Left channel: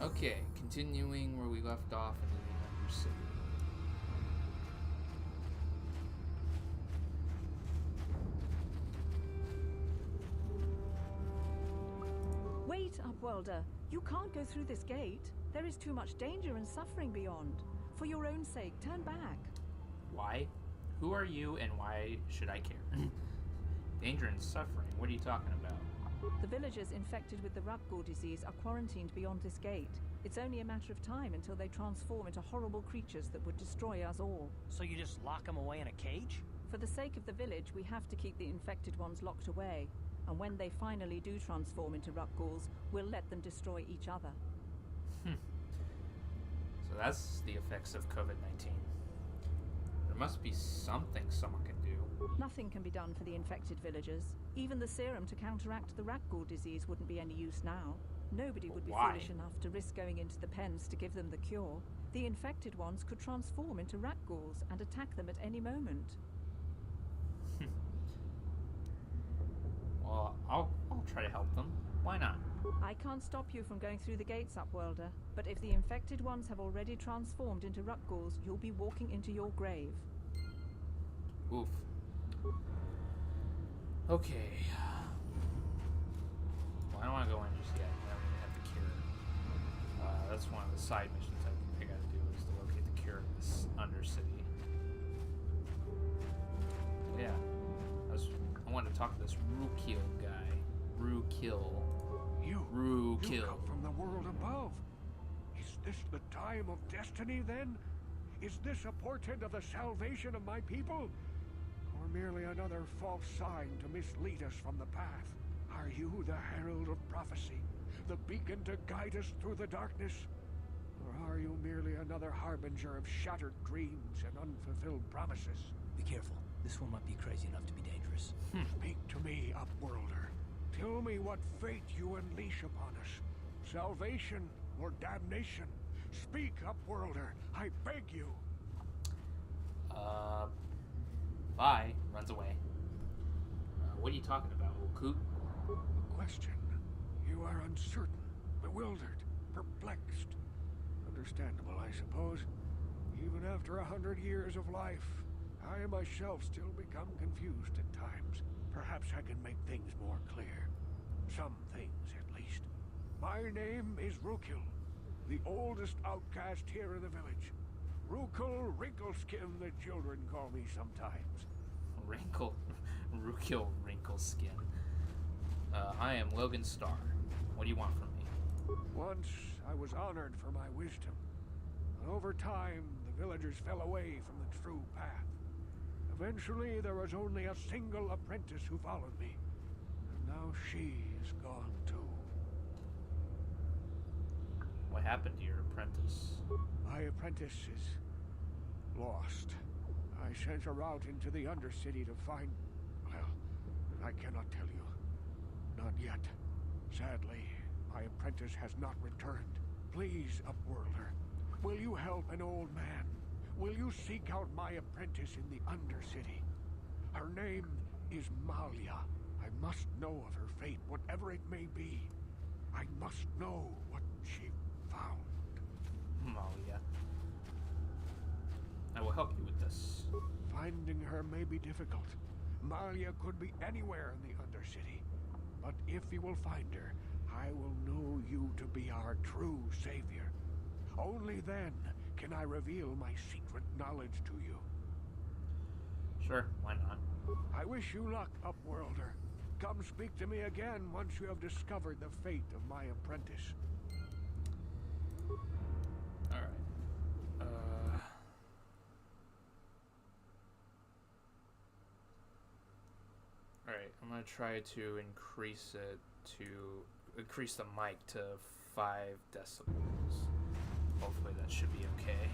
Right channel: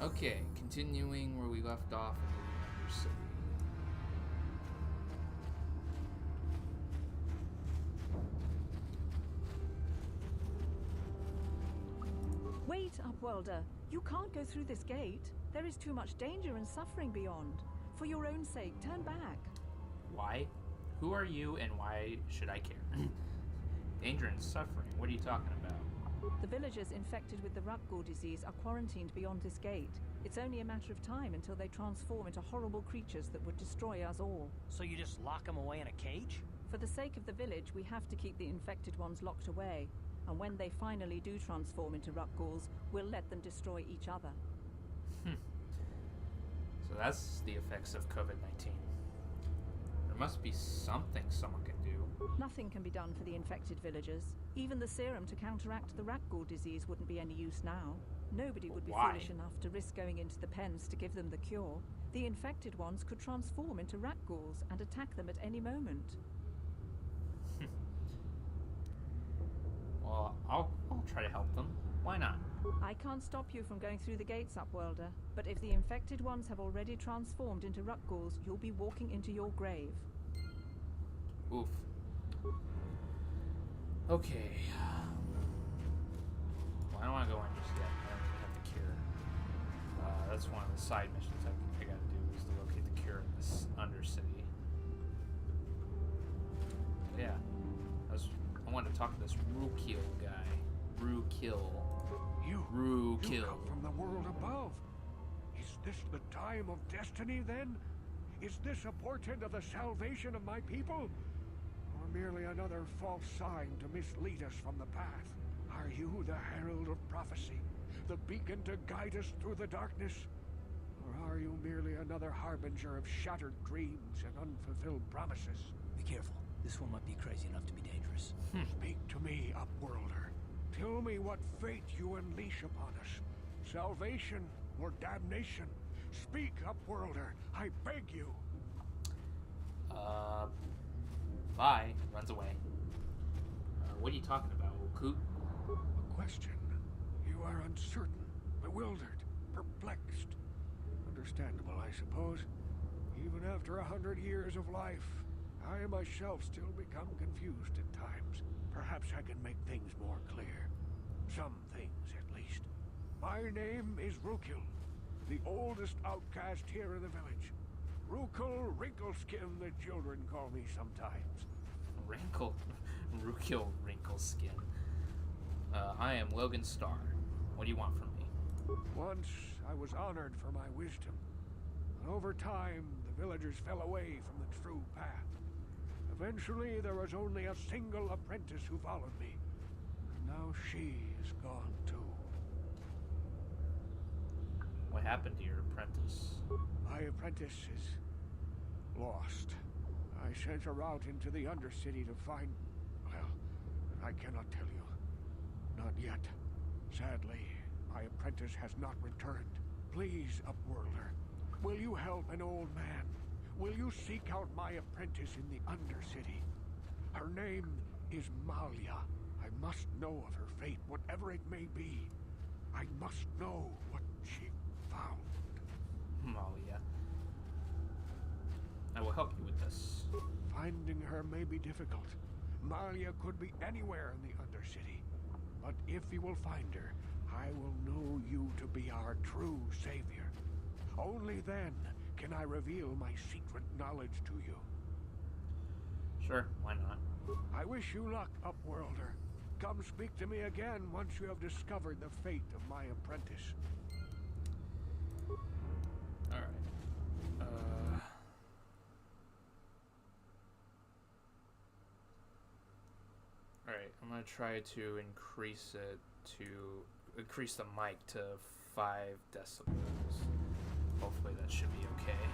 Okay, continuing where we left off into the Undercity. Wait, Upworlder. You can't go through this gate. There is too much danger and suffering beyond. For your own sake, turn back. Why? Who are you and why should I care? Danger and suffering? What are you talking about? The villagers infected with the Rakghoul disease are quarantined beyond this gate. It's only a matter of time until they transform into horrible creatures that would destroy us all. So you just lock them away in a cage? For the sake of the village, we have to keep the infected ones locked away. And when they finally do transform into Rakghouls, we'll let them destroy each other. So that's the effects of COVID-19. There must be something someone can do. Nothing can be done for the infected villagers. Even the serum to counteract the Rakghoul disease wouldn't be any use now. Nobody would be foolish enough to risk going into the pens to give them the cure. The infected ones could transform into Rakghouls and attack them at any moment. Well, I'll try to help them. Why not? I can't stop you from going through the gates, Upworlder, but if the infected ones have already transformed into Rakghouls, you'll be walking into your grave. Oof. Okay. Well, I don't want to go in just yet. I don't even have the cure. That's one of the side missions I gotta do, is to locate the cure in this Undercity. Yeah. I wanted to talk to this Rukil guy. Rukil. You Rukil. come from the world above. Is this the time of destiny, then? Is this a portent of the salvation of my people? Or merely another false sign to mislead us from the path? Are you the herald of prophecy? The beacon to guide us through the darkness? Or are you merely another harbinger of shattered dreams and unfulfilled promises? Be careful. This one might be crazy enough to be dangerous. Speak to me, Upworlder. Tell me what fate you unleash upon us. Salvation or damnation? Speak, Upworlder. I beg you. Bye. Runs away. What are you talking about, old coot? A question. You are uncertain, bewildered, perplexed. Understandable, I suppose. Even after 100 years of life, I myself still become confused at times. Perhaps I can make things more clear. Some things, at least. My name is Rukil, the oldest outcast here in the village. Rukil Wrinkleskin, the children call me sometimes. Rukil Wrinkleskin. I am Logan Starr. What do you want from me? Once I was honored for my wisdom. But over time, the villagers fell away from the true path. Eventually, there was only a single apprentice who followed me. And now she is gone too. What happened to your apprentice? My apprentice is lost. I sent her out into the Undercity to find... Well, I cannot tell you. Not yet. Sadly, my apprentice has not returned. Please, Upworlder, will you help an old man? Will you seek out my apprentice in the Undercity? Her name is Malia. I must know of her fate, whatever it may be. I must know what she found. Malia. I will help you with this. Finding her may be difficult. Malia could be anywhere in the Undercity. But if you will find her, I will know you to be our true savior. Only then can I reveal my secret knowledge to you. Sure, why not? I wish you luck, Upworlder. Come speak to me again once you have discovered the fate of my apprentice. Alright. Alright, I'm gonna try to increase the mic to 5 decibels. Hopefully that should be okay.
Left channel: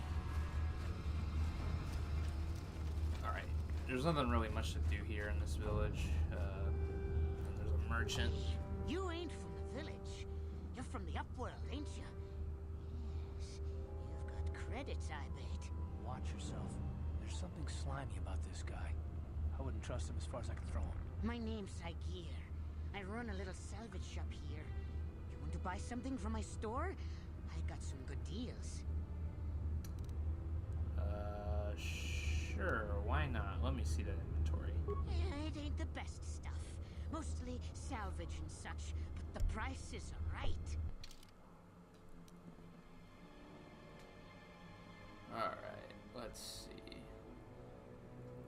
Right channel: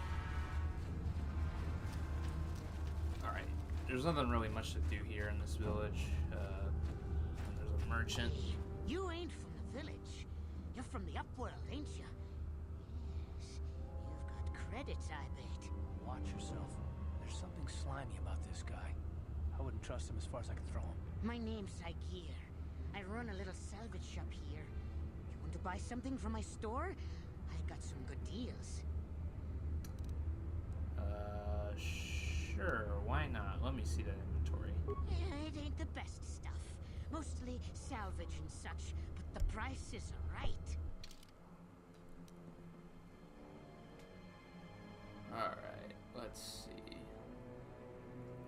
Alright, there's nothing really much to do here in this village. And there's a merchant. Hey, you ain't from the village. You're from the Upworld, ain't you? Yes, you've got credits, I bet. Watch yourself. There's something slimy about this guy. I wouldn't trust him as far as I can throw him. My name's Zaalbar. I run a little salvage shop here. You want to buy something from my store? I got some good deals. Sure, why not? Let me see that inventory. It ain't the best stuff. Mostly salvage and such, but the prices are right. Alright, let's see.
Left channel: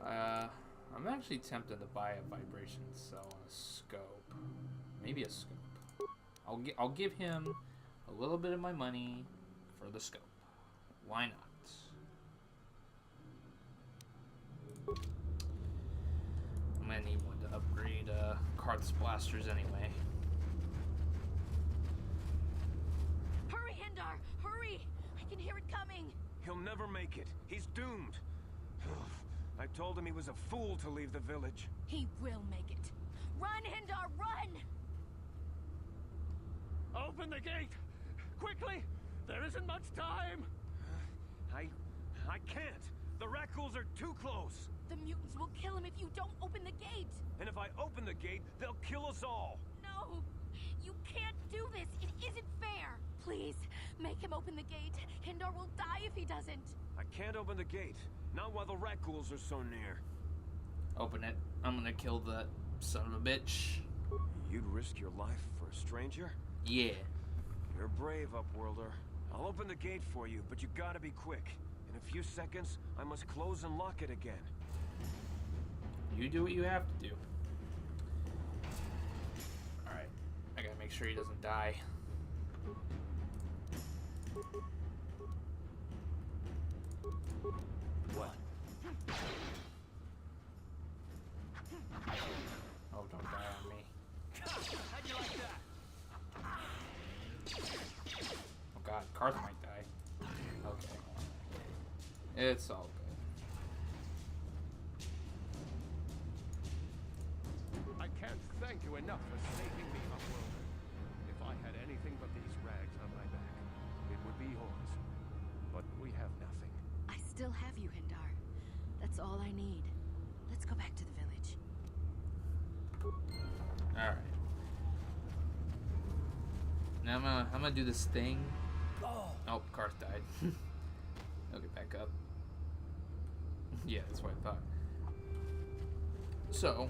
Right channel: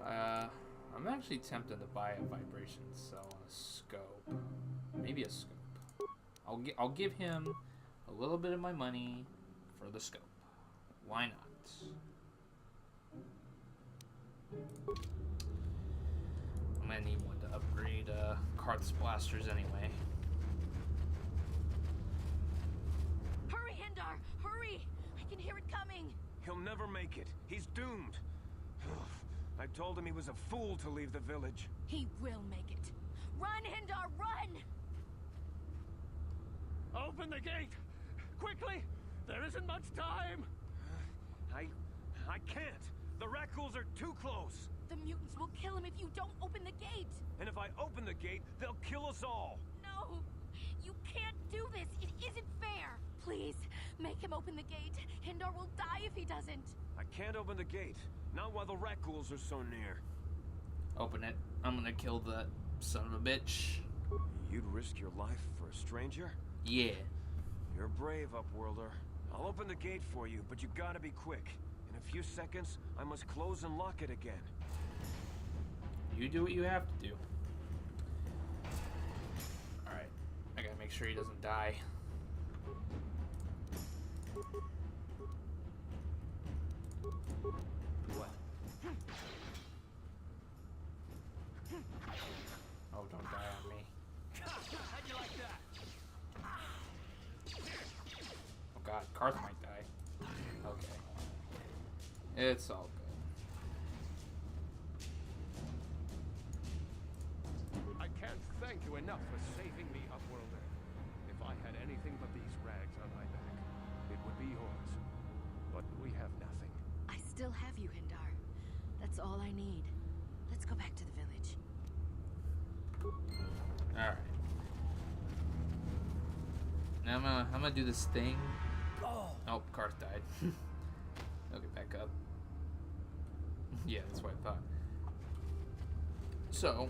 I'm actually tempted to buy a vibration cell and a scope. Maybe a scope. I'll give him a little bit of my money for the scope. Why not? I'm gonna need one to upgrade Karth's blasters anyway. Hurry, Hindar! Hurry! I can hear it coming! He'll never make it. He's doomed. I told him he was a fool to leave the village. He will make it. Run, Hindar, run! Open the gate! Quickly! There isn't much time! I can't. The Rakghouls are too close. The mutants will kill him if you don't open the gate! And if I open the gate, they'll kill us all. No! You can't do this! It isn't fair! Please, make him open the gate. Hindar will die if he doesn't. I can't open the gate. Not while the Rakghouls are so near. Open it. I'm gonna kill that son of a bitch. You'd risk your life for a stranger? Yeah. You're brave, Upworlder. I'll open the gate for you, but you gotta be quick. In a few seconds, I must close and lock it again. You do what you have to do. Alright. I gotta make sure he doesn't die. What? Oh, don't die on me. How'd you like that? Oh god, Karth might die. Okay. It's all good. I can't thank you enough for saving me, Upworlder. If I had anything but these rags on my back, it would be yours. But we have nothing. I still have you, Hindar. That's all I need. Let's go back to the village. Alright. Now I'm gonna do this thing. Oh, Karth died. I'll get back up. Yeah, that's what I thought. So,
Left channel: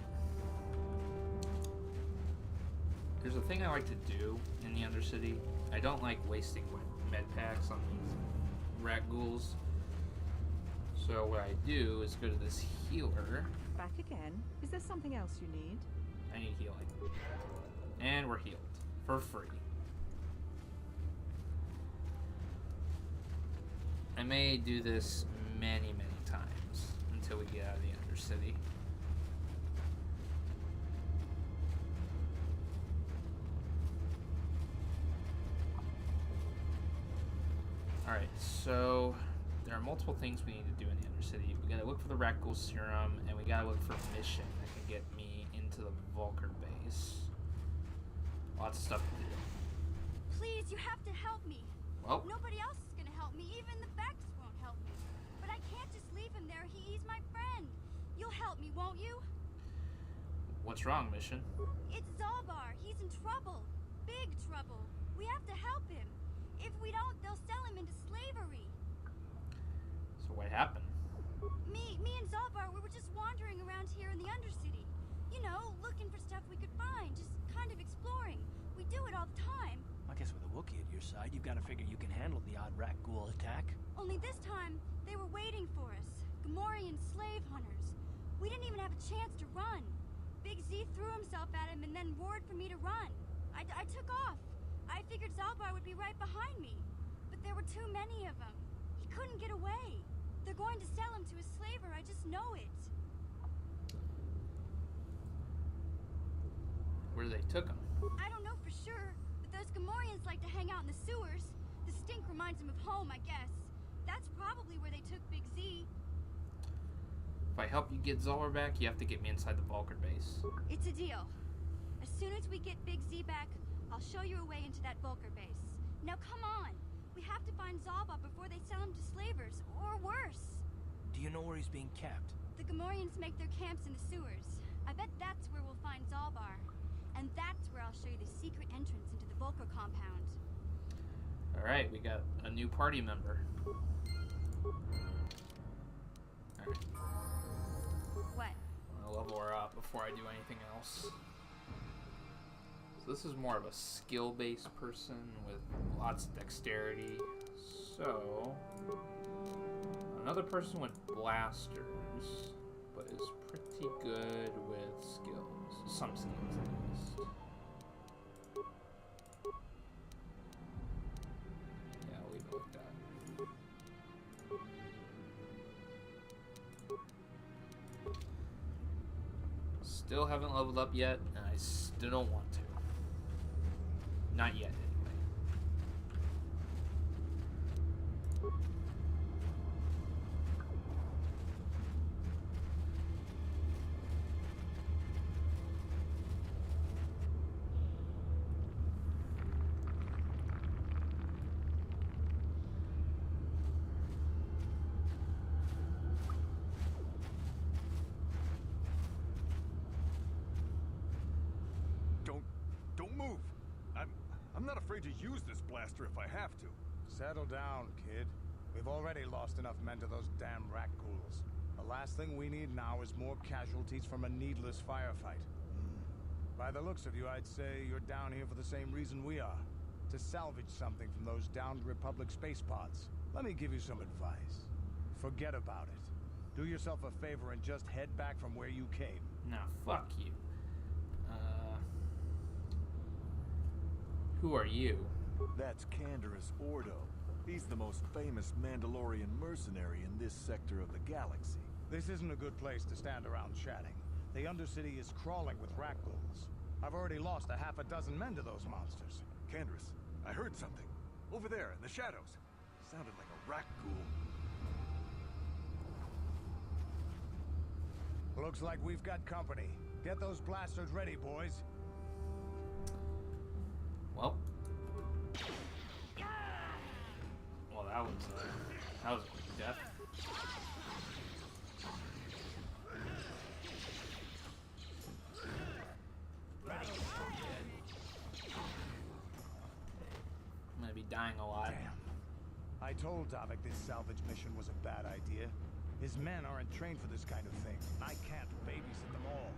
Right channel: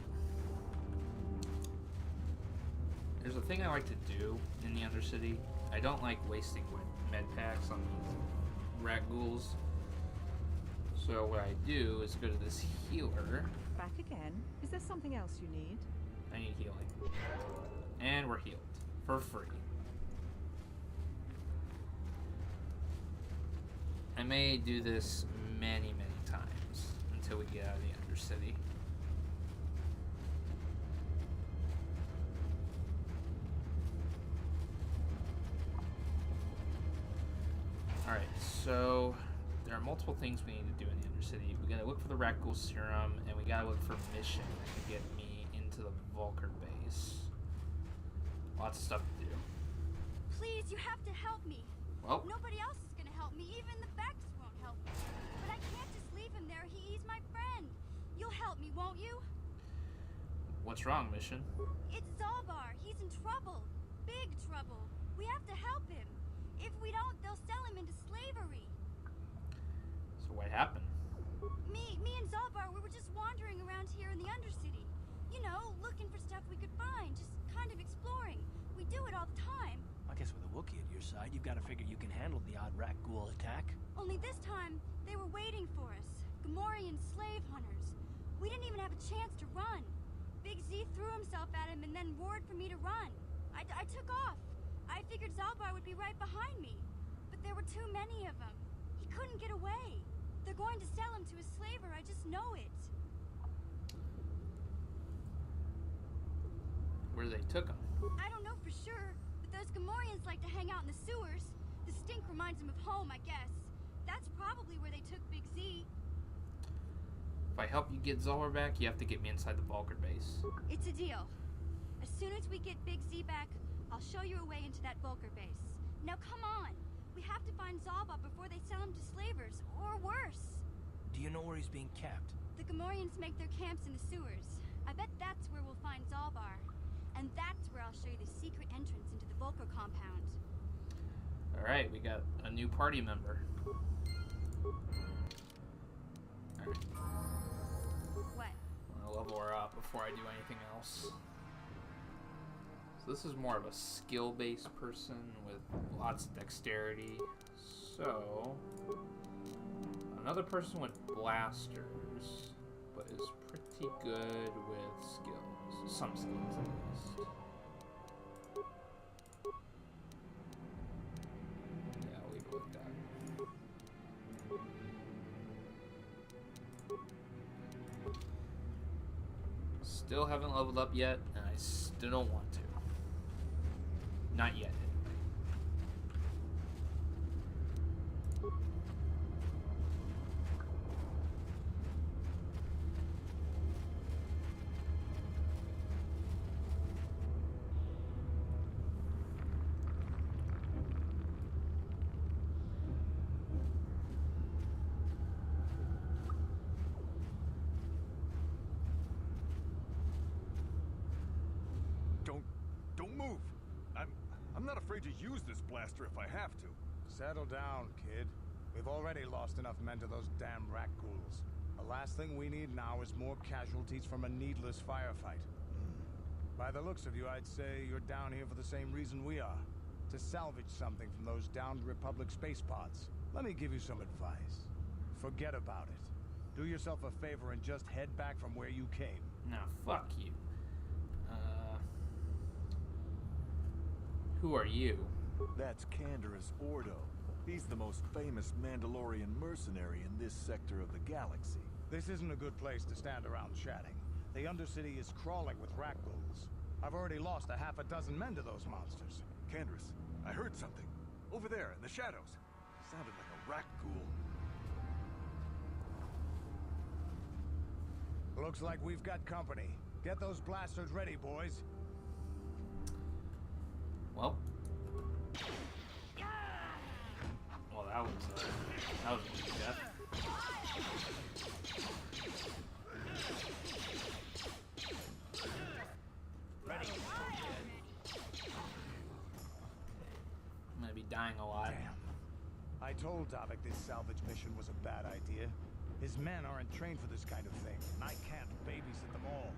there's a thing I like to do in the Undercity. I don't like wasting med packs on these Rakghouls. So what I do is go to this healer. Back again? Is there something else you need? I need healing. And we're healed. For free. I may do this many, many times until we get out of the Undercity. Alright, so there are multiple things we need to do in the Undercity. We gotta look for the Rakghoul Serum, and we gotta look for a mission that can get me into the Vulkar base. Lots of stuff to do. Please, you have to help me. Well, Nobody else is gonna help me. Even the Backs won't help me. But I can't just leave him there. He's my friend. You'll help me, won't you? what's wrong, Mission? It's Zaalbar. He's in trouble. Big trouble. We have to help him. If we don't, they'll sell him into slavery. So what happened? Me and Zaalbar, we were just wandering around here in the Undercity. You know, looking for stuff we could find, just kind of exploring. We do it all the time. I guess with a Wookiee at your side, you've got to figure you can handle the odd Rakghoul attack. Only this time, they were waiting for us. Gamorrean slave hunters. We didn't even have a chance to run. Big Z threw himself at him and then roared for me to run. I took off. I figured Zaalbar would be right behind me. But there were too many of them. He couldn't get away. They're going to sell him to a slaver, I just know it. Where they took him? I don't know for sure, but those Gamorreans like to hang out in the sewers. The stink reminds them of home, I guess. That's probably where they took Big Z. If I help you get Zaalbar back, you have to get me inside the Vulkar base. It's a deal. As soon as we get Big Z back, I'll show you a way into that Vulkar base. Now come on! We have to find Zaalbar before they sell him to slavers, or worse. Do you know where he's being kept? The Gamorreans make their camps in the sewers. I bet that's where we'll find Zaalbar. And that's where I'll show you the secret entrance into the Vulkar compound. Alright, we got a new party member. Alright. What? I'm gonna level her up before I do anything else. So this is more of a skill-based person with lots of dexterity. So another person with blasters, but is pretty good with skills. Some skills at least. Yeah, I'll leave it like that. Still haven't leveled up yet, and I still don't want to. Not yet, anyway. Don't move. I'm not afraid to use this blaster if I have to. Settle down, kid. We've already lost enough men to those damn Rakghouls. The last thing we need now is more casualties from a needless firefight. By the looks of you, I'd say you're down here for the same reason we are. To salvage something from those downed Republic space pods. Let me give you some advice. Forget about it. Do yourself a favor and just head back from where you came. Nah, fuck you. Who are you? That's Canderous Ordo. He's the most famous Mandalorian mercenary in this sector of the galaxy. This isn't a good place to stand around chatting. The Undercity is crawling with Rakghouls. I've already lost a half a dozen men to those monsters. Canderous, I heard something. Over there, in the shadows. Sounded like a Rakghoul. Looks like we've got company. Get those blasters ready, boys. Well, that was a big death. Ready. I'm gonna be dying a lot. Damn. I told Davik this salvage mission was a bad idea. His men aren't trained for this kind of thing, and I can't babysit them all.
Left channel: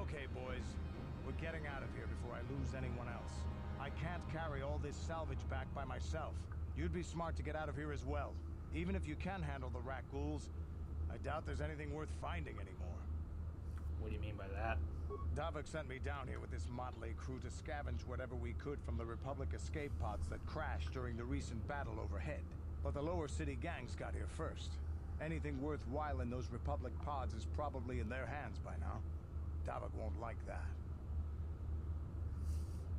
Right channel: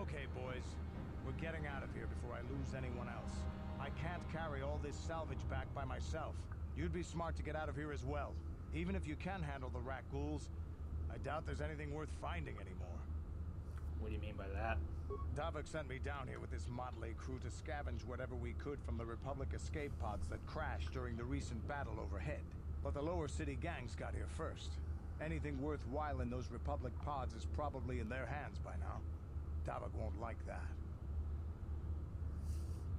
Okay, boys. We're getting out of here before I lose anyone else. I can't carry all this salvage back by myself. You'd be smart to get out of here as well. Even if you can handle the Rakghouls, I doubt there's anything worth finding anymore. What do you mean by that? Davik sent me down here with this motley crew to scavenge whatever we could from the Republic escape pods that crashed during the recent battle overhead. But the lower city gangs got here first. Anything worthwhile in those Republic pods is probably in their hands by now. Davik won't like that.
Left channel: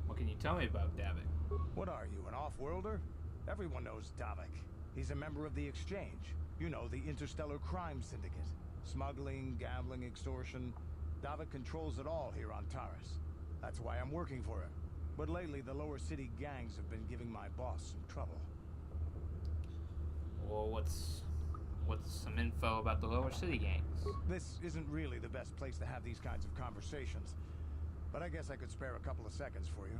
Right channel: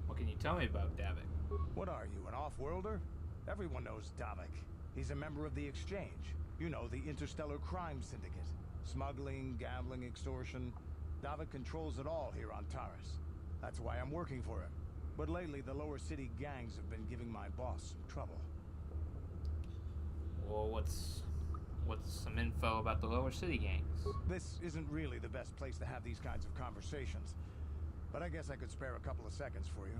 What can you tell me about Davik? What are you, an off-worlder? Everyone knows Davik. He's a member of the Exchange. You know, the interstellar crime syndicate. Smuggling, gambling, extortion. Davik controls it all here on Taris. That's why I'm working for him. But lately, the lower city gangs have been giving my boss some trouble. Well, what's some info about the lower city gangs? This isn't really the best place to have these kinds of conversations. But I guess I could spare a couple of seconds for you.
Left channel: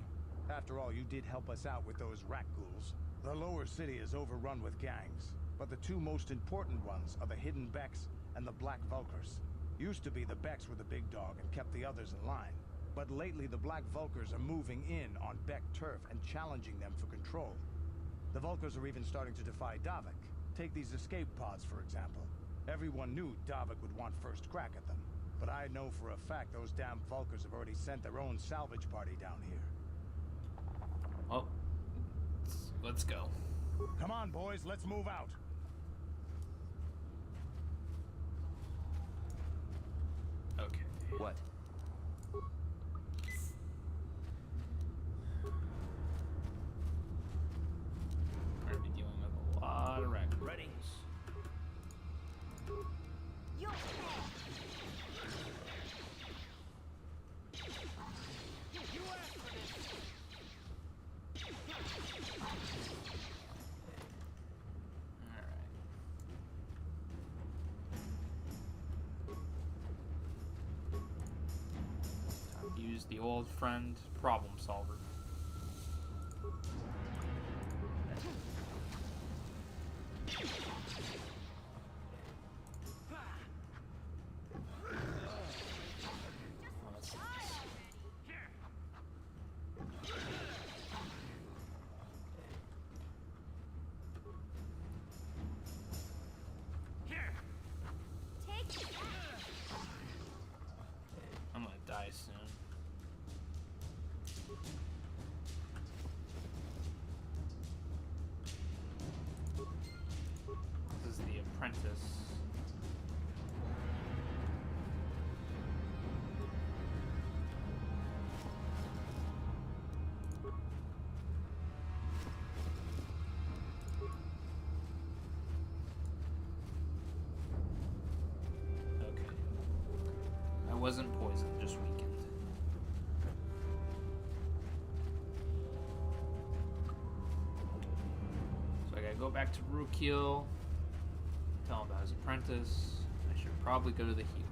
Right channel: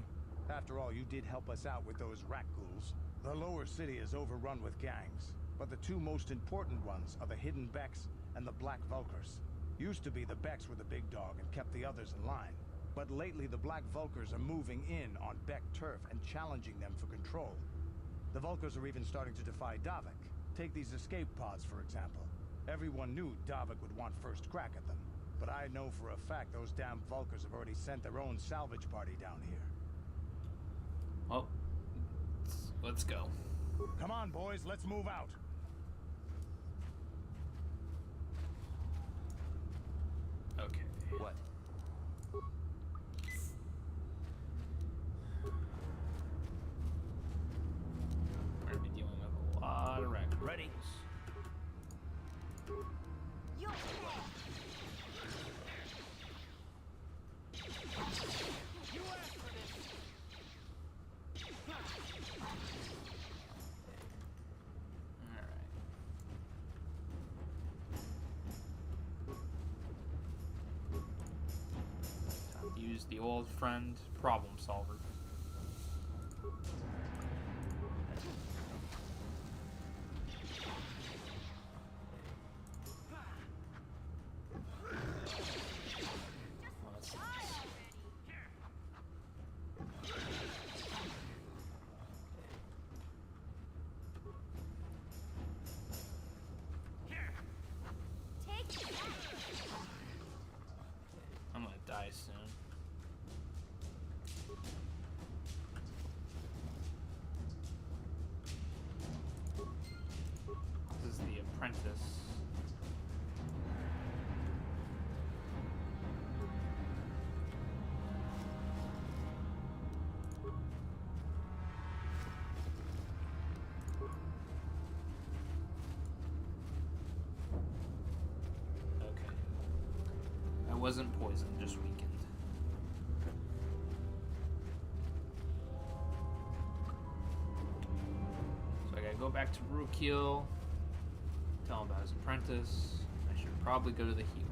After all, you did help us out with those Rakghouls. The lower city is overrun with gangs, but the two most important ones are the Hidden Becks and the Black Vulkars. Used to be the Becks were the big dog and kept the others in line. But lately the Black Vulkars are moving in on Beck turf and challenging them for control. The Vulkars are even starting to defy Davik. Take these escape pods, for example. Everyone knew Davik would want first crack at them. But I know for a fact those damn Vulkars have already sent their own salvage party down here. Well, let's go. Come on, boys, let's move out. Okay. What? We're gonna be dealing with a lot of Rakghouls. Ready. You Use the old friend problem solver. Apprentice. Okay. I wasn't poisoned, just weakened. So I gotta go back to Rukil, tell him about his apprentice. I should probably go to the healer.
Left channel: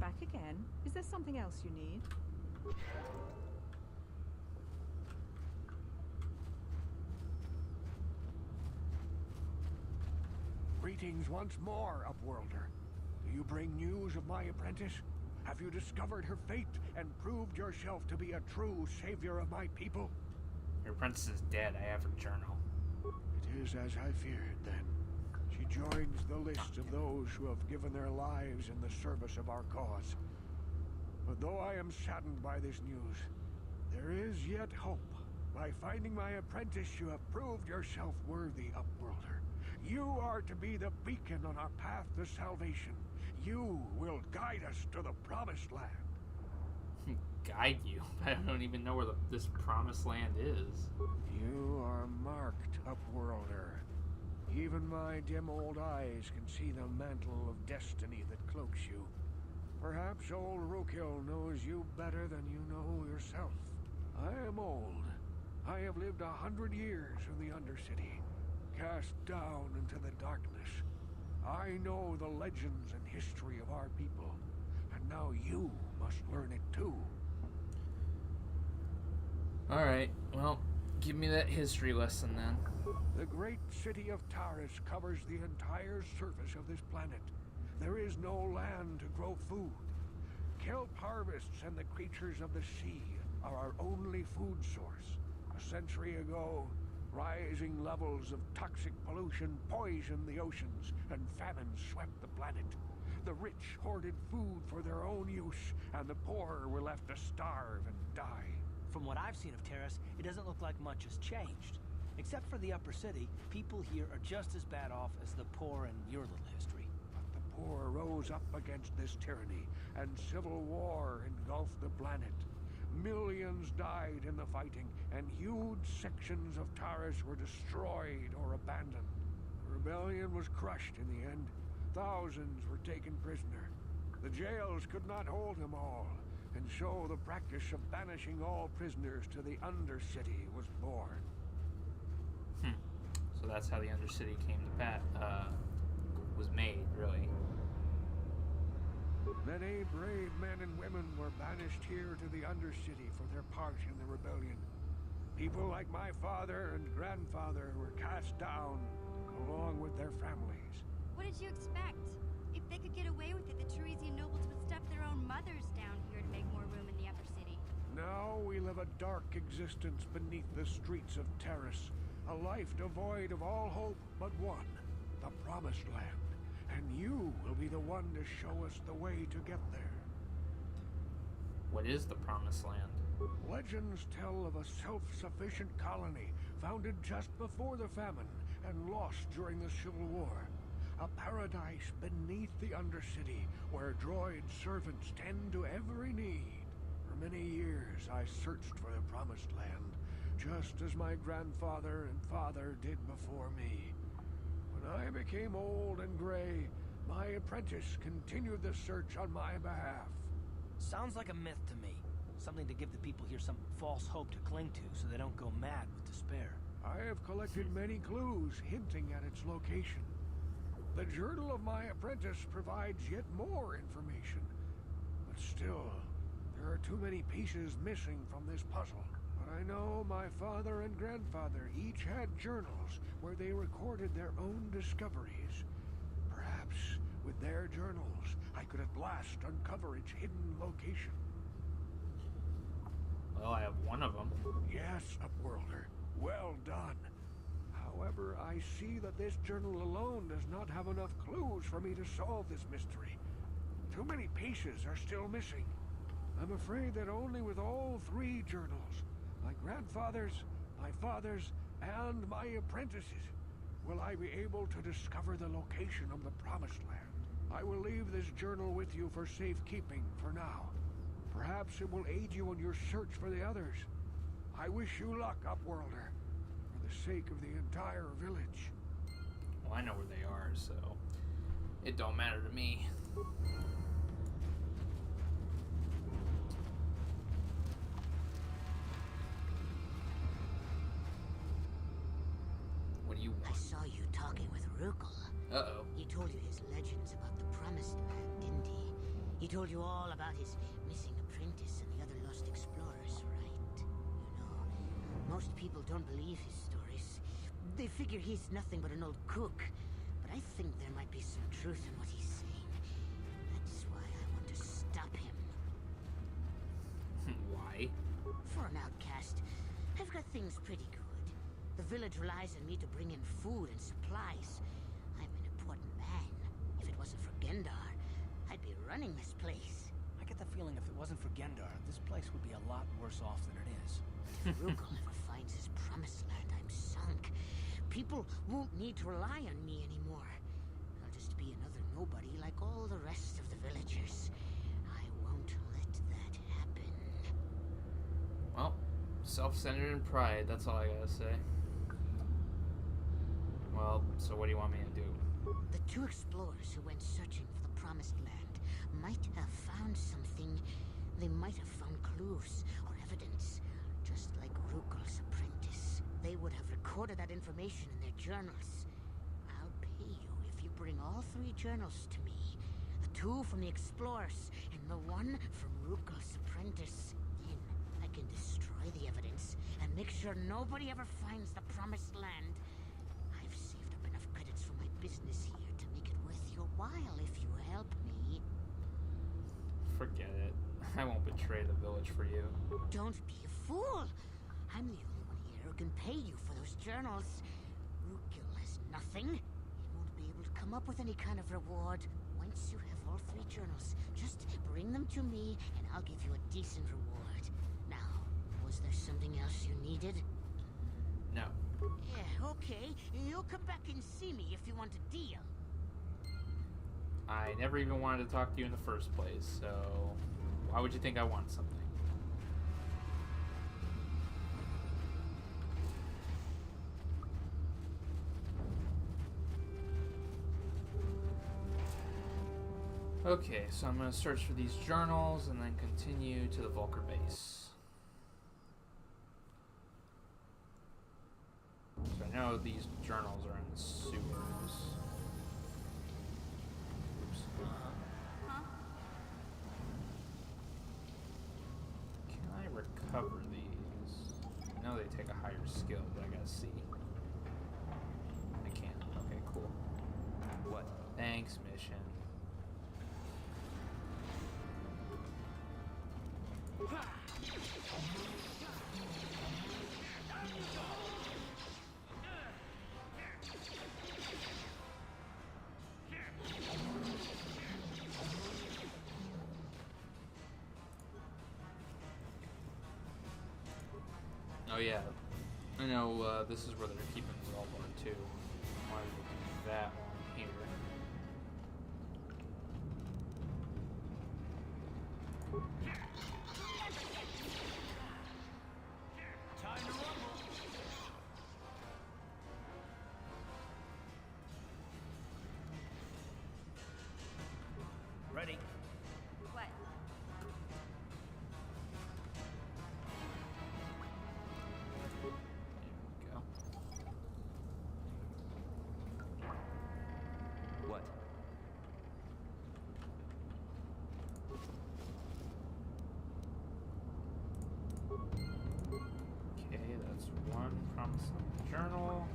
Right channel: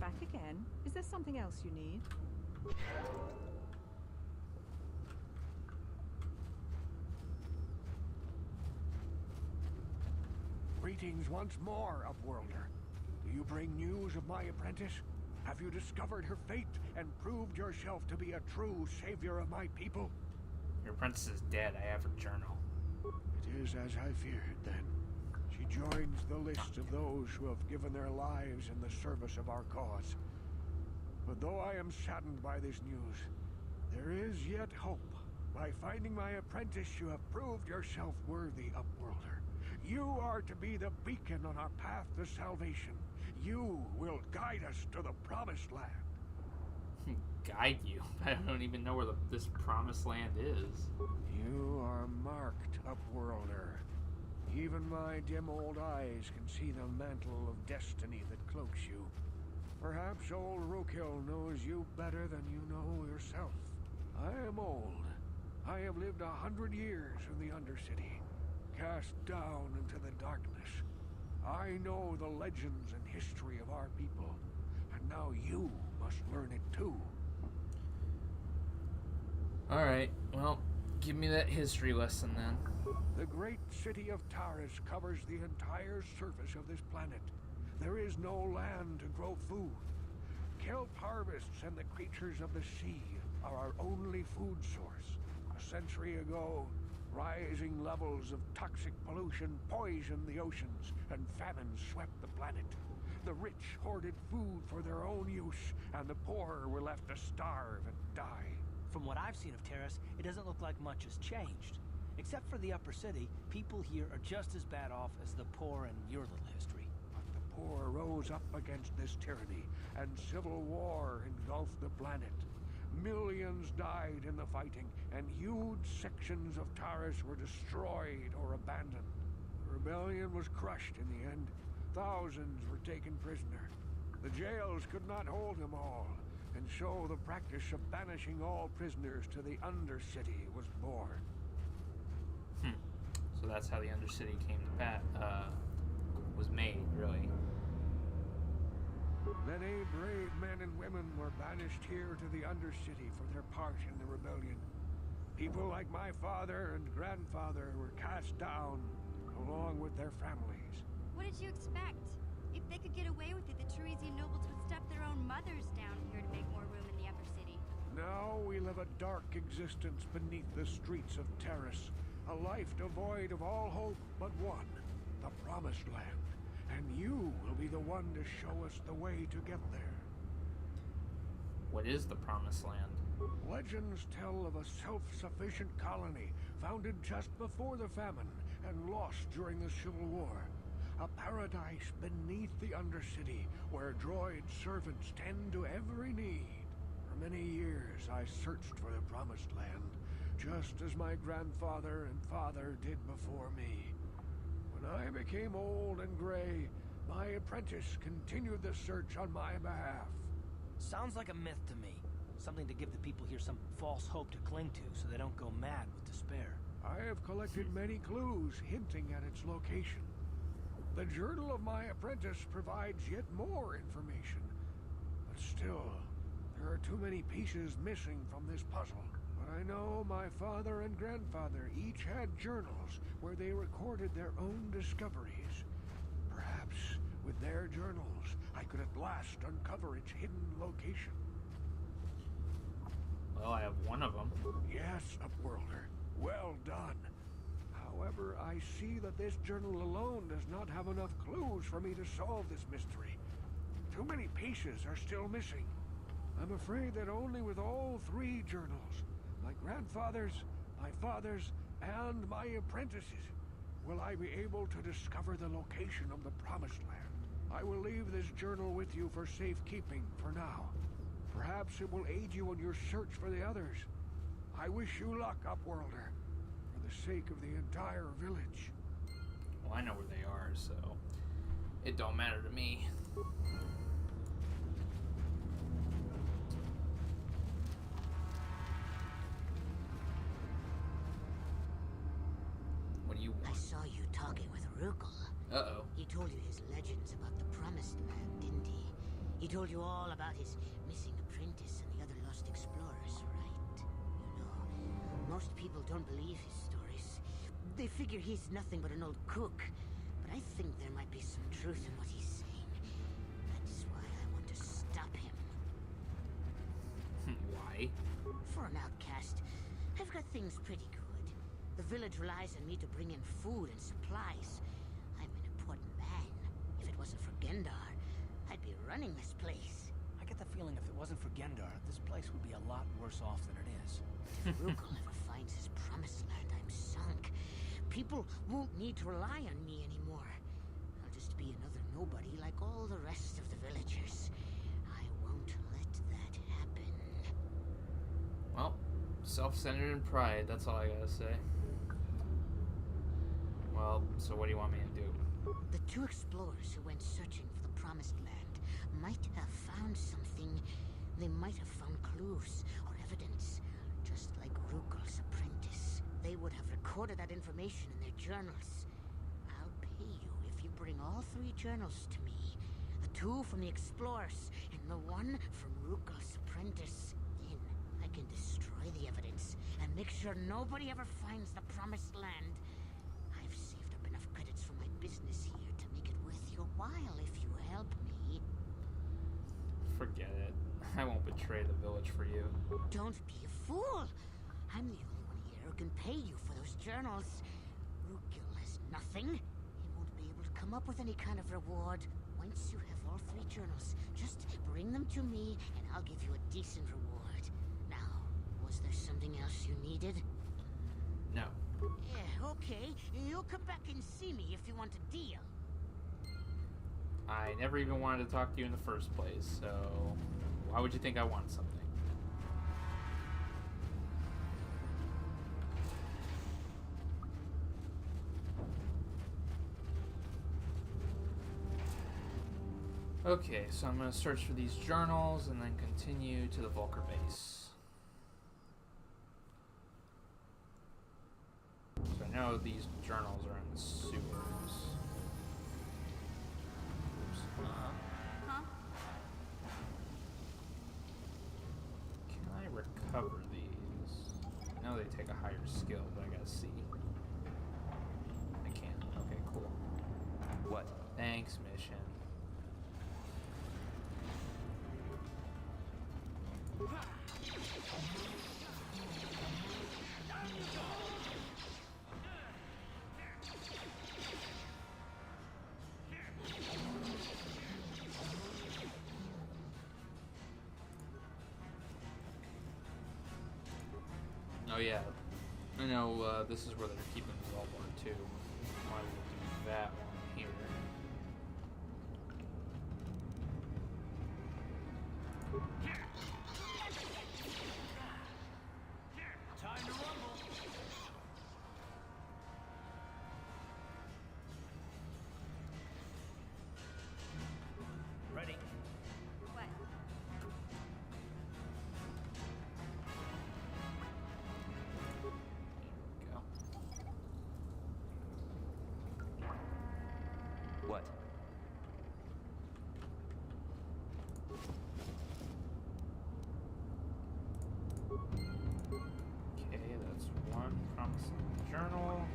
Back again? Is there something else you need? Greetings once more, Upworlder. Do you bring news of my apprentice? Have you discovered her fate and proved yourself to be a true savior of my people? Your apprentice is dead. I have her journal. It is as I feared, then. She joins the list of those who have given their lives in the service of our cause. But though I am saddened by this news, there is yet hope. By finding my apprentice, you have proved yourself worthy, Upworlder. You are to be the beacon on our path to salvation. You will guide us to the Promised Land. Guide you? I don't even know where this Promised Land is. You are marked, Upworlder. Even my dim old eyes can see the mantle of destiny that cloaks you. Perhaps old Rukil knows you better than you know yourself. I am old. I have lived 100 years in the Undercity, cast down into the darkness. I know the legends and history of our people, and now you must learn it too. Alright, well, give me that history lesson then. The great city of Taris covers the entire surface of this planet. There is no land to grow food. Kelp harvests and the creatures of the sea are our only food source. A century ago, rising levels of toxic pollution poisoned the oceans, and famine swept the planet. The rich hoarded food for their own use, and the poor were left to starve and die. From what I've seen of Terrace, it doesn't look like much has changed. Except for the upper city, people here are just as bad off as the poor in your little history. But the poor rose up against this tyranny, and civil war engulfed the planet. Millions died in the fighting, and huge sections of Taris were destroyed or abandoned. The rebellion was crushed in the end. Thousands were taken prisoner. The jails could not hold them all, and so the practice of banishing all prisoners to the Undercity was born. So that's how the Undercity was made, really. Many brave men and women were banished here to the Undercity for their part in the rebellion. People like my father and grandfather were cast down, along with their families. What did you expect? If they could get away with it, the Teresian nobles would step their own mothers down here to make more room in the upper city. Now we live a dark existence beneath the streets of Taris. A life devoid of all hope but one, the Promised Land. And you will be the one to show us the way to get there. What is the Promised Land? Legends tell of a self-sufficient colony founded just before the famine and lost during the Civil War. A paradise beneath the Undercity where droid servants tend to every need. For many years I searched for the Promised Land, just as my grandfather and father did before me. When I became old and gray, my apprentice continued the search on my behalf. Sounds like a myth to me. Something to give the people here some false hope to cling to so they don't go mad with despair. I have collected many clues hinting at its location. The journal of my apprentice provides yet more information. But still, there are too many pieces missing from this puzzle. But I know my father and grandfather each had journals where they recorded their own discoveries. Perhaps With their journals, I could at last uncover its hidden location. Well, I have one of them. Yes, Upworlder. Well done. However, I see that this journal alone does not have enough clues for me to solve this mystery. Too many pieces are still missing. I'm afraid that only with all 3 journals, my grandfather's, my father's, and my apprentice's, will I be able to discover the location of the Promised Land. I will leave this journal with you for safekeeping for now. Perhaps it will aid you in your search for the others. I wish you luck, Upworlder, for the sake of the entire village. Well, I know where they are, so it don't matter to me. What do you want? I saw you talking with Rukil. Uh-oh. He told you his legends about the Promised Land, didn't he? He told you all about his missing apprentice and the other lost explorers, right? You know, most people don't believe his stories. They figure he's nothing but an old cook. But I think there might be some truth in what he's saying. That's why I want to stop him. Why? For an outcast, I've got things pretty good. The village relies on me to bring in food and supplies. I'm an important man. If it wasn't for Gendar, I'd be running this place. I get the feeling if it wasn't for Gendar, this place would be a lot worse off than it is. If Rukil ever finds his Promised Land, I'm sunk. People won't need to rely on me anymore. I'll just be another nobody like all the rest of the villagers. I won't let that happen. Well, self-centered and pride, that's all I gotta say. Well, so what do you want me to do? The 2 explorers who went searching for the Promised Land might have found something. They might have found clues or evidence, just like Rukils Apprentice. They would have recorded that information in their journals. I'll pay you if you bring all 3 journals to me. The 2 from the explorers and the 1 from Rukils Apprentice. Then I can destroy the evidence and make sure nobody ever finds the Promised Land. I've saved up enough credits for my business here to make it worth your while if you help me. Forget it. I won't betray the village for you. Don't be a fool! I'm the only one here who can pay you for those journals. Rukil has nothing. He won't be able to come up with any kind of reward. Once you have all 3 journals, just bring them to me and I'll give you a decent reward. Now, was there something else you needed? No. Yeah, okay. You'll come back and see me if you want a deal. I never even wanted to talk to you in the first place, so why would you think I want something? Okay, so I'm going to search for these journals and then continue to the Vulcar base. So I know these journals are in the sewers. Oops. Huh? Can I recover these? I know they take a higher skill, but I gotta see. I can't. Okay, cool. What? Thanks, mission. Oh yeah, I know this is where they're keeping Zaalbar too. Might as well do that while I'm here. Time to rumble. Ready. What? There we go. What? Okay, that's one promising journal.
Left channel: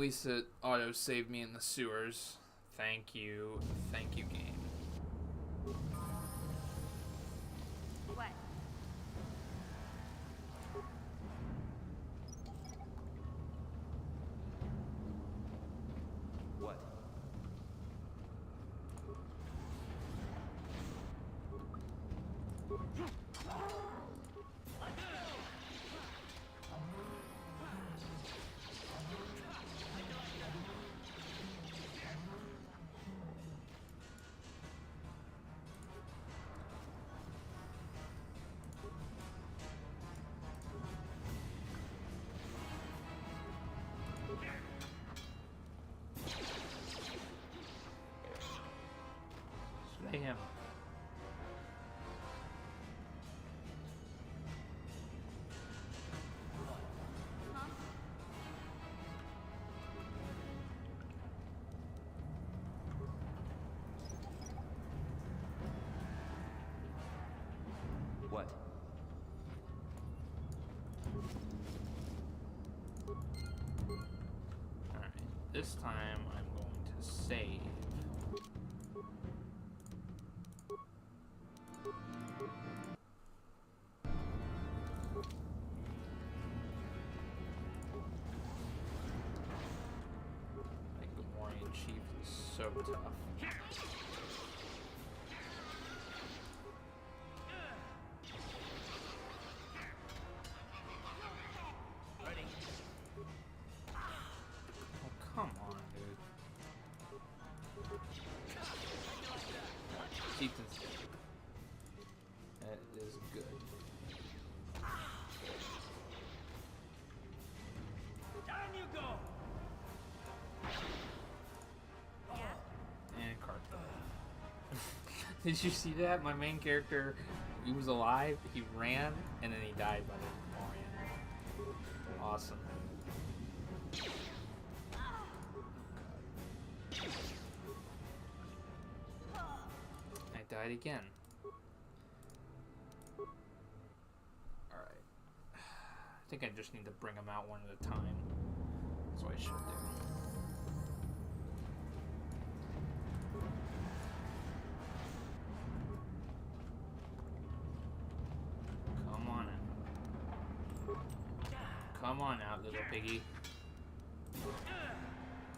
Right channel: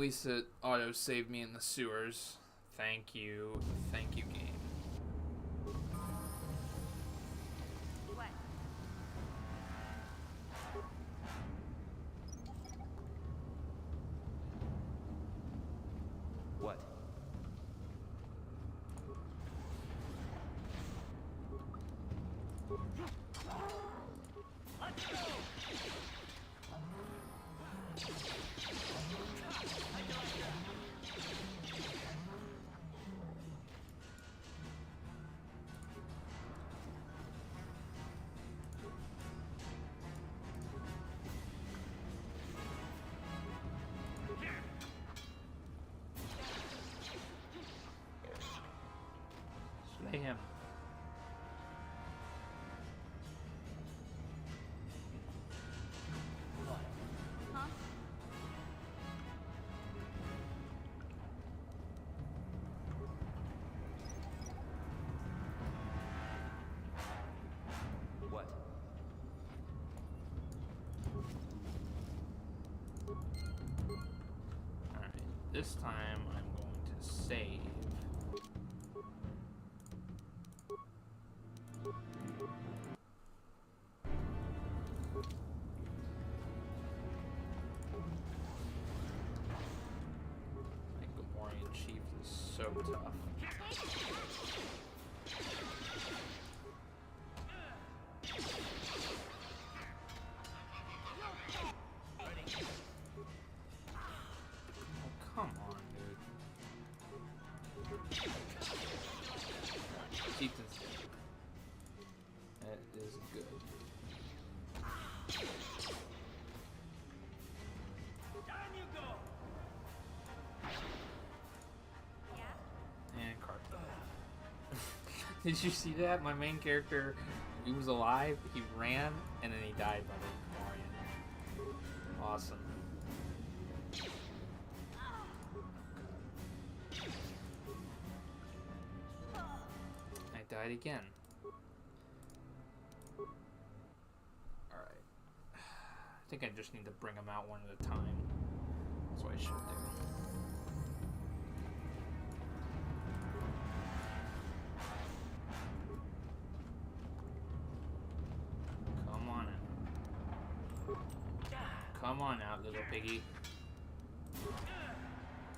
least it auto-saved me in the sewers. Thank you, game. What? What? Slay him. Huh? What? Alright, this time I'm going to save. Like Gamorrean Chief is so tough. Oh, come on, dude. Ethan's dead. That is good. Down you go! Yeah? And card. Did you see that? My main character, he was alive, he ran, and then he died by the Gamorrean. Awesome. Oh, God. I died again. Alright. I think I just need to bring them out one at a time. That's what I should do. Come on out. Come on out, little piggy.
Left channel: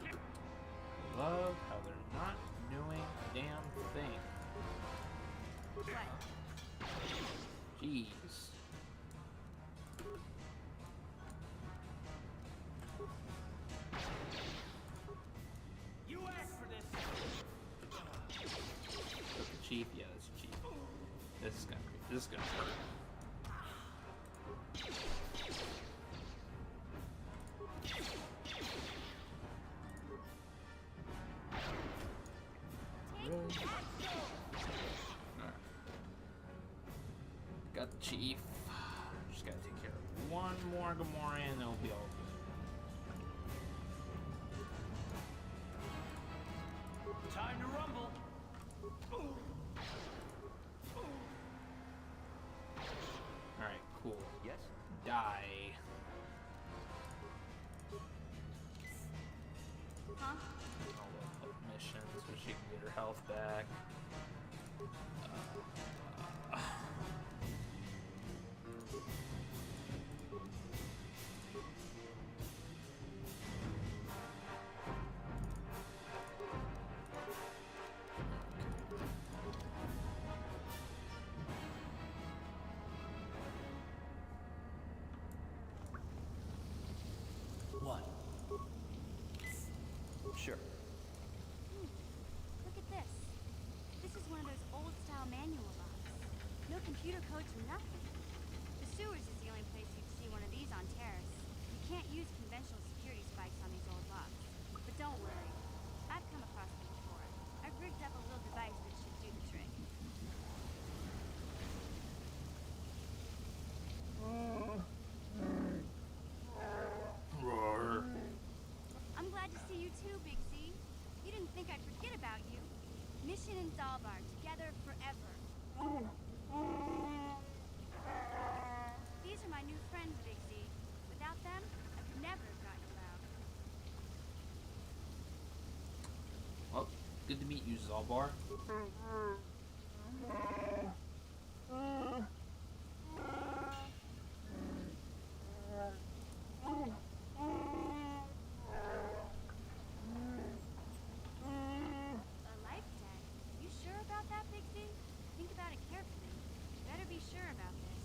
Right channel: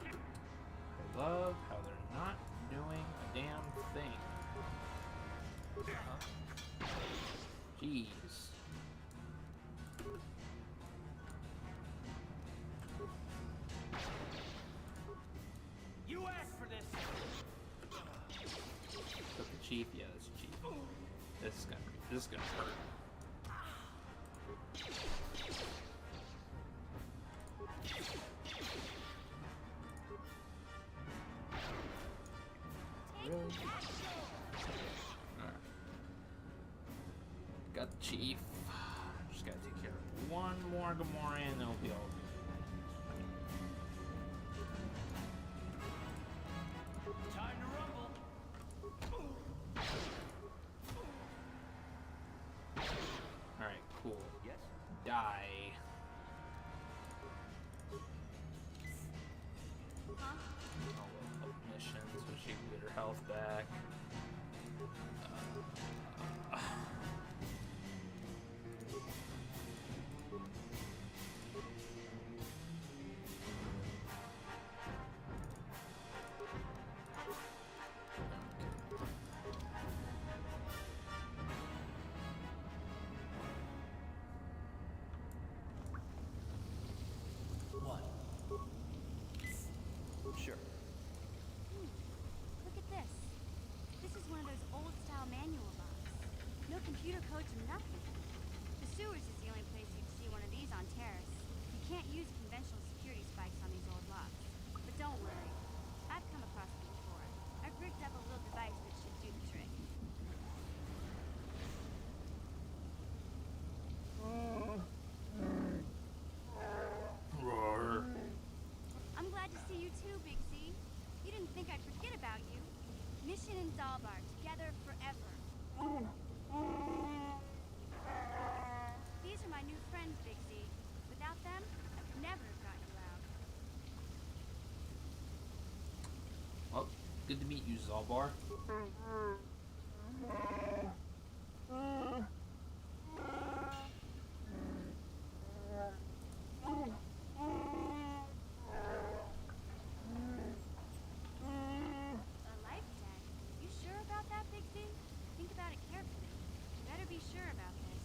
I love how they're not doing a damn thing. Jeez. You asked for this! But the chief, yeah, that's the chief. This is gonna hurt. Really? Alright. Got the chief. Just gotta take care of one more Gamorrean and it'll be all good. Time to rumble! Alright, cool. Yes? Die. Huh? I'll up mission so she can get her health back. What? Sure. Look at this. This is one of those old-style manual locks. No computer codes or nothing. The sewers is the only place you'd see one of these on Terrace. You can't use conventional security spikes on these old locks. But don't worry. I've come across them before. I've rigged up a little device that should do the trick. Roar. I'm glad to see you too, Big Z. You didn't think I'd forget about you. Mission in Zaalbar, together forever. These are my new friends, Big Z. Without them, I could never have got you out. Good to meet you, Zaalbar. A life debt? You sure about that, Big Z? Think about it carefully. You better be sure about this.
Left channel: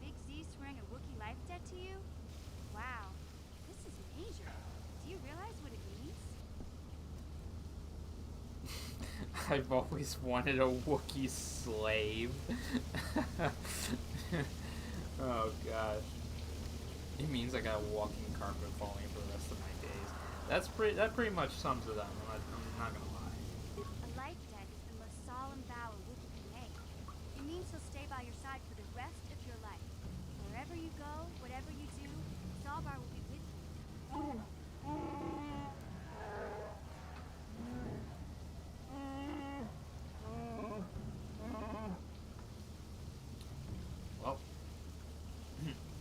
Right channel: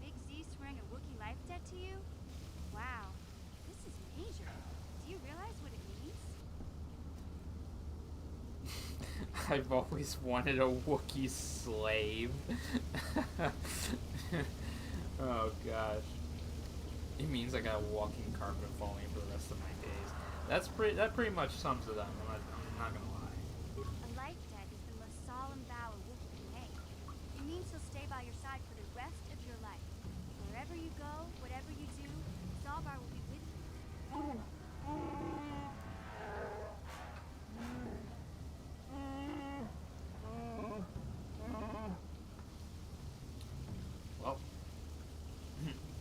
Big Z swearing a Wookiee life debt to you? Wow, this is major. Do you realize what it means? I've always wanted a Wookiee slave. Oh gosh. It means I got a walking carpet following for the rest of my days. That pretty much sums it up. I'm not gonna lie. A life debt is the most solemn vow a Wookiee can make. It means he'll stay by your side for the rest of your life. Wherever you go, whatever you do, Zaalbar will be with you. Well,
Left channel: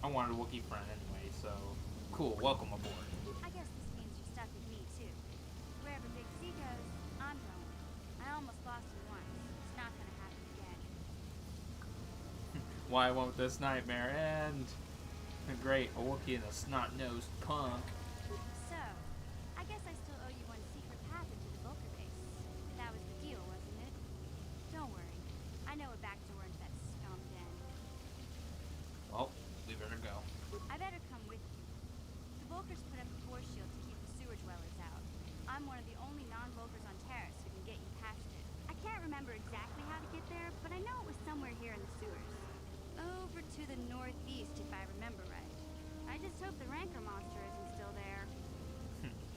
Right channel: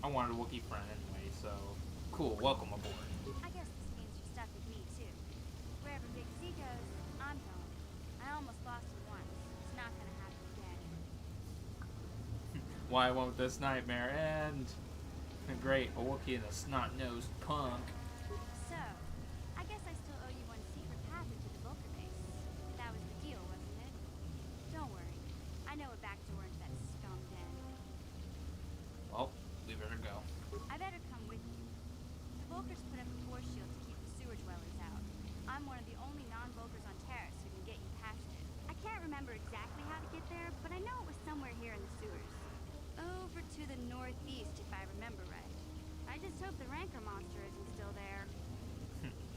I wanted a Wookiee friend anyway, so cool. Welcome aboard. I guess this means you're stuck with me, too. Wherever Big Z goes, I'm going. I almost lost him once. It's not gonna happen again. Why won't this nightmare end? Great, a Wookiee and a snot-nosed punk. So, I guess I still owe you one secret path into the Vulcar base. That was the deal, wasn't it? Don't worry. I know a back door into that scum den. Well, we better go. I better come with you. The Vulcars put up a force shield to keep the sewer dwellers out. I'm one of the only non-Vulcars on Terrace who can get you past it. I can't remember exactly how to get there, but I know it was somewhere here in the sewers. Over to the northeast, if I remember right. I just hope the Rancor monster isn't still there.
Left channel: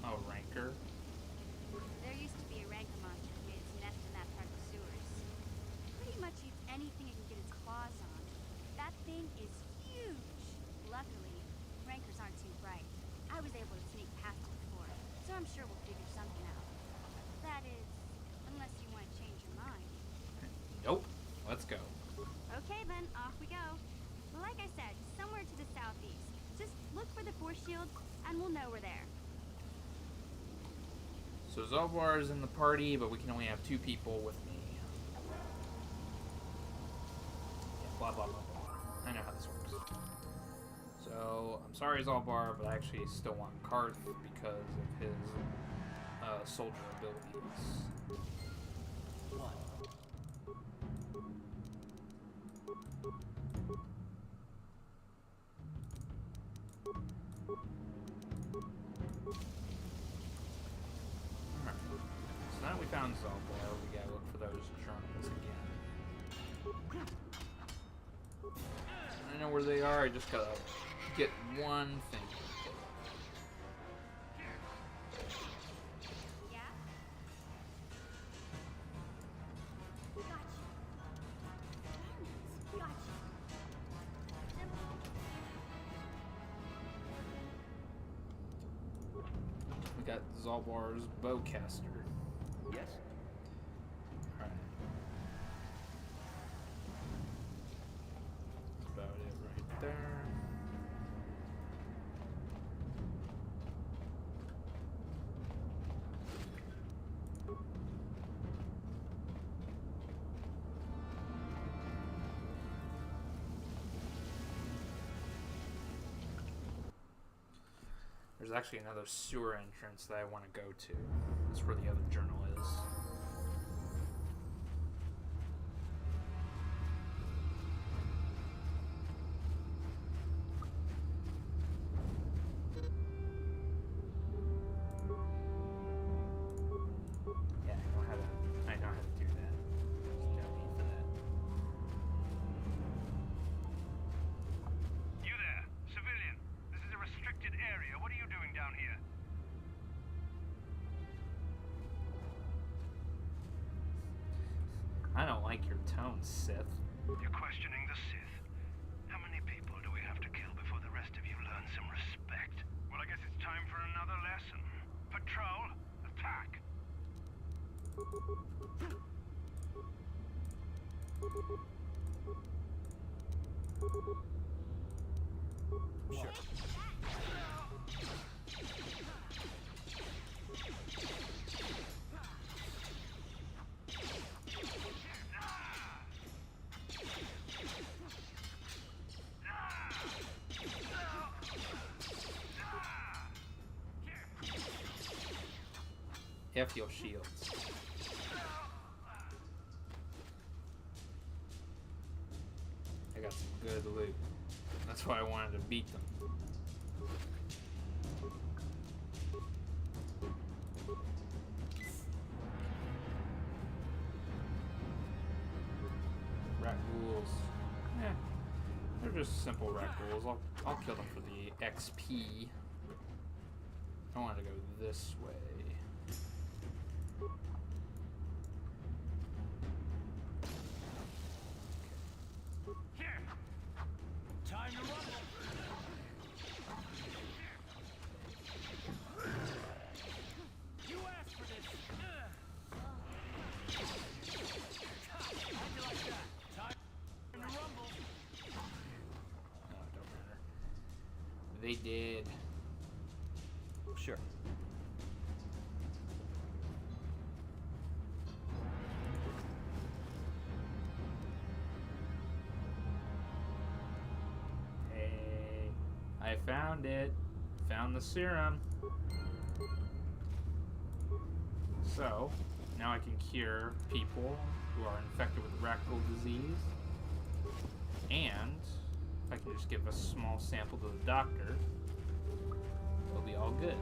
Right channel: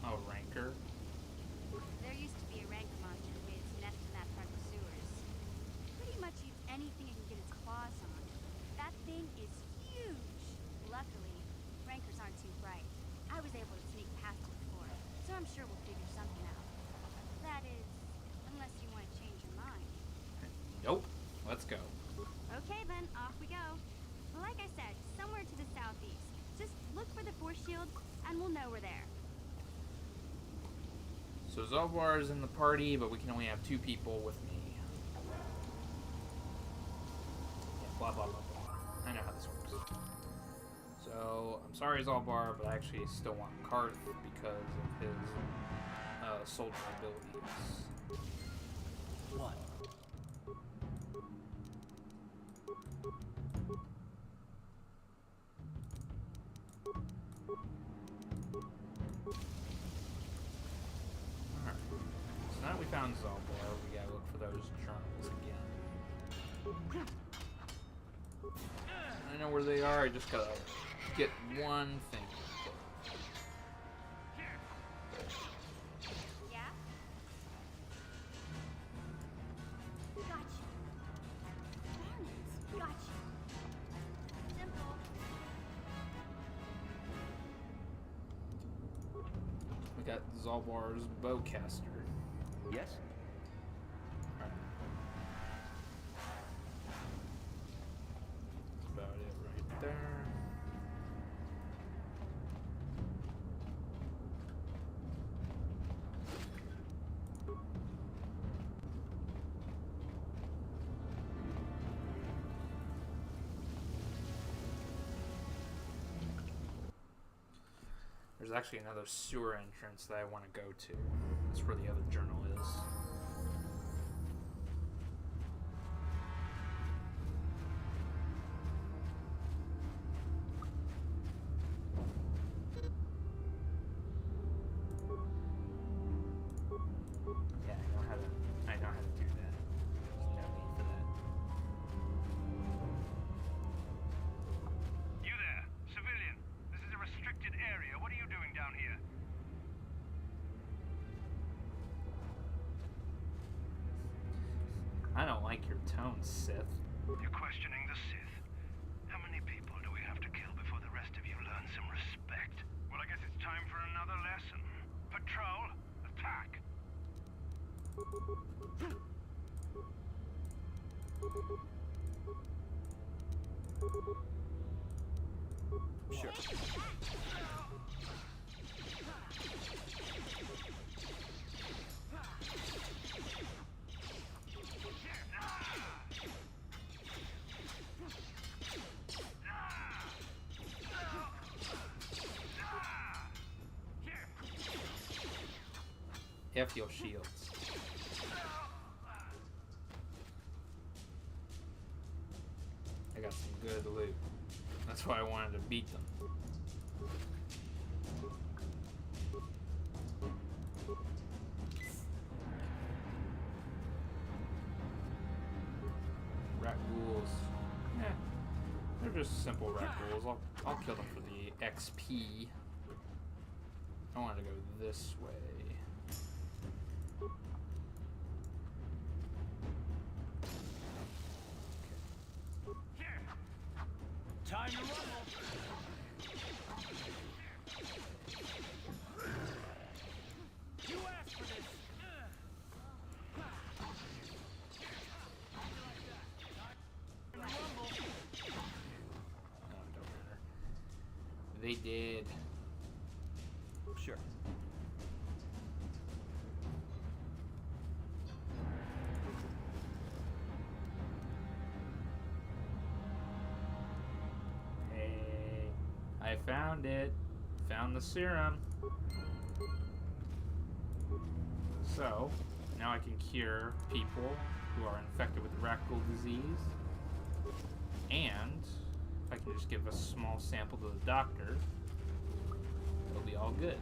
Oh, Rancor? There used to be a Rancor monster who made its nest in that part of the sewers. Pretty much eats anything it can get its claws on. That thing is huge. Luckily, Rancors aren't too bright. I was able to sneak past it before, so I'm sure we'll figure something out. That is, unless you want to change your mind. Nope. Let's go. Okay then, off we go. Like I said, somewhere to the southeast. Just look for the force shield, and we'll know we're there. So Zaalbar is in the party, but we can only have 2 people with me. Yeah, blah blah blah blah. I know how this works. So I'm sorry, Zaalbar, but I actually still want Karth because of his soldier abilities. What? Alright. So now that we found Zaalbar, we gotta look for those journals again. I know where they are, I just gotta get one thing. Yeah? Gotcha. Darn it. Gotcha. Simple. We got Zaalbar's bowcaster. Yes? Alright. That's about it right there. There's actually another sewer entrance that I want to go to. That's where the other journal is. Yeah, I know how to do that. There's no need for that. You there, civilian. This is a restricted area. What are you doing down here? I don't like your tone, Sith. You're questioning the Sith. How many people do we have to kill before the rest of you learn some respect? Well, I guess it's time for another lesson. Patrol, attack. Sure. F your shields. I got some good loot. That's why I wanted to beat them. Rakghouls. Eh, they're just simple Rakghouls. I'll kill them for the XP. I wanted to go this way. Time to rumble. You asked for this. How'd you like that? Time to rumble. No, it don't matter. They did. Sure. Hey, I found it. Found the serum. So, now I can cure people who are infected with the Rakghoul disease. And, if I can just give a small sample to the doctor, they'll be all good.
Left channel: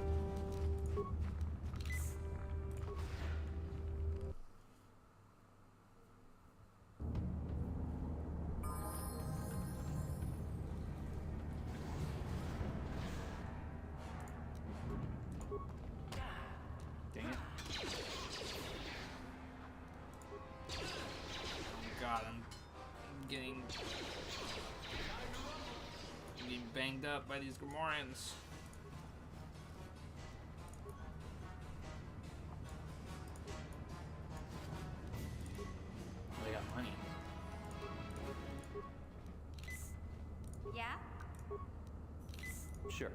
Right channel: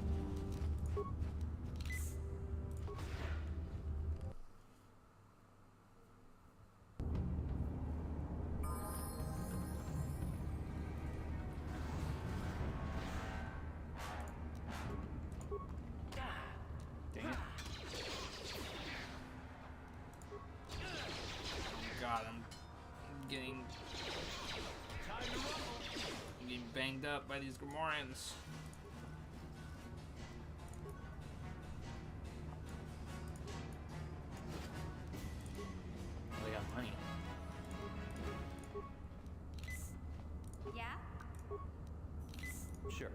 Dang it. Oh god, I'm getting banged up by these Gamorreans. They got money. Yeah? Sure.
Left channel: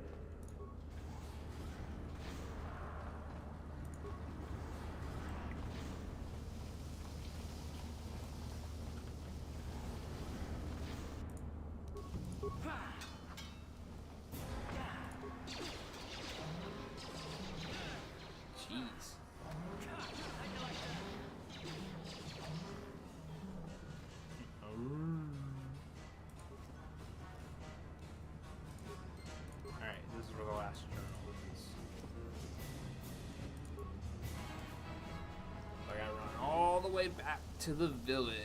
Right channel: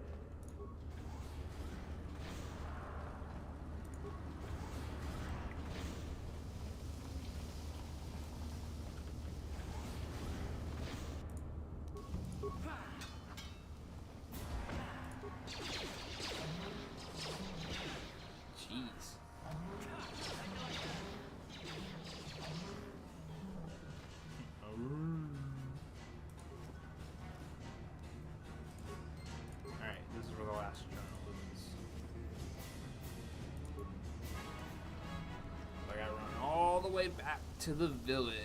Jeez. Alright, this is where the last journal is. So I gotta run all the way back to the village.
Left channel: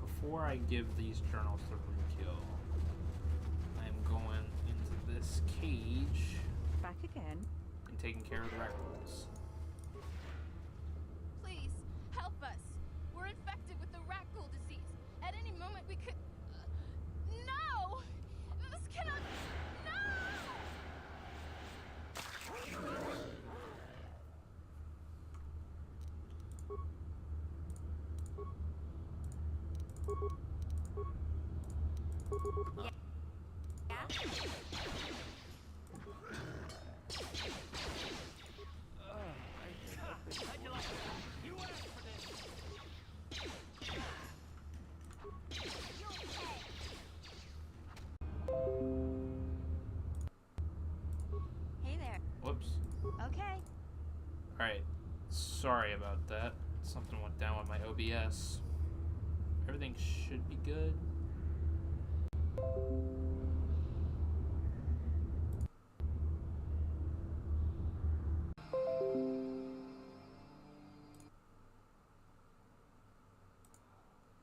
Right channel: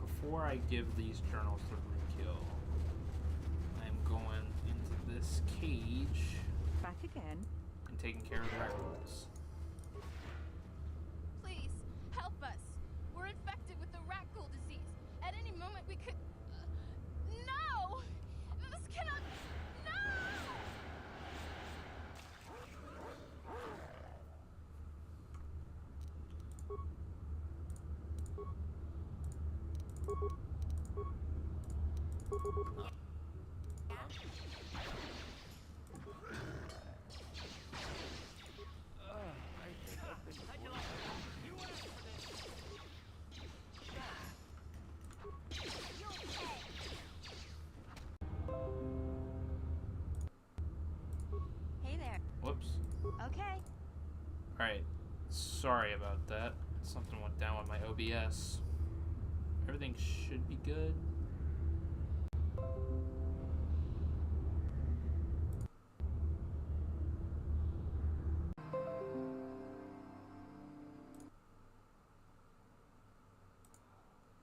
Before I give these journals to Rukil, I'm going into this cage Back again. and taking care of the Rakghouls. Please, help us. We're infected with the Rakghoul disease. At any moment we could... no! This cannot... No! How'd you like that? You asked for this. Hey there. Whoops. Okay. Alright, sorry about that. Something went down with my OBS. Everything should be good.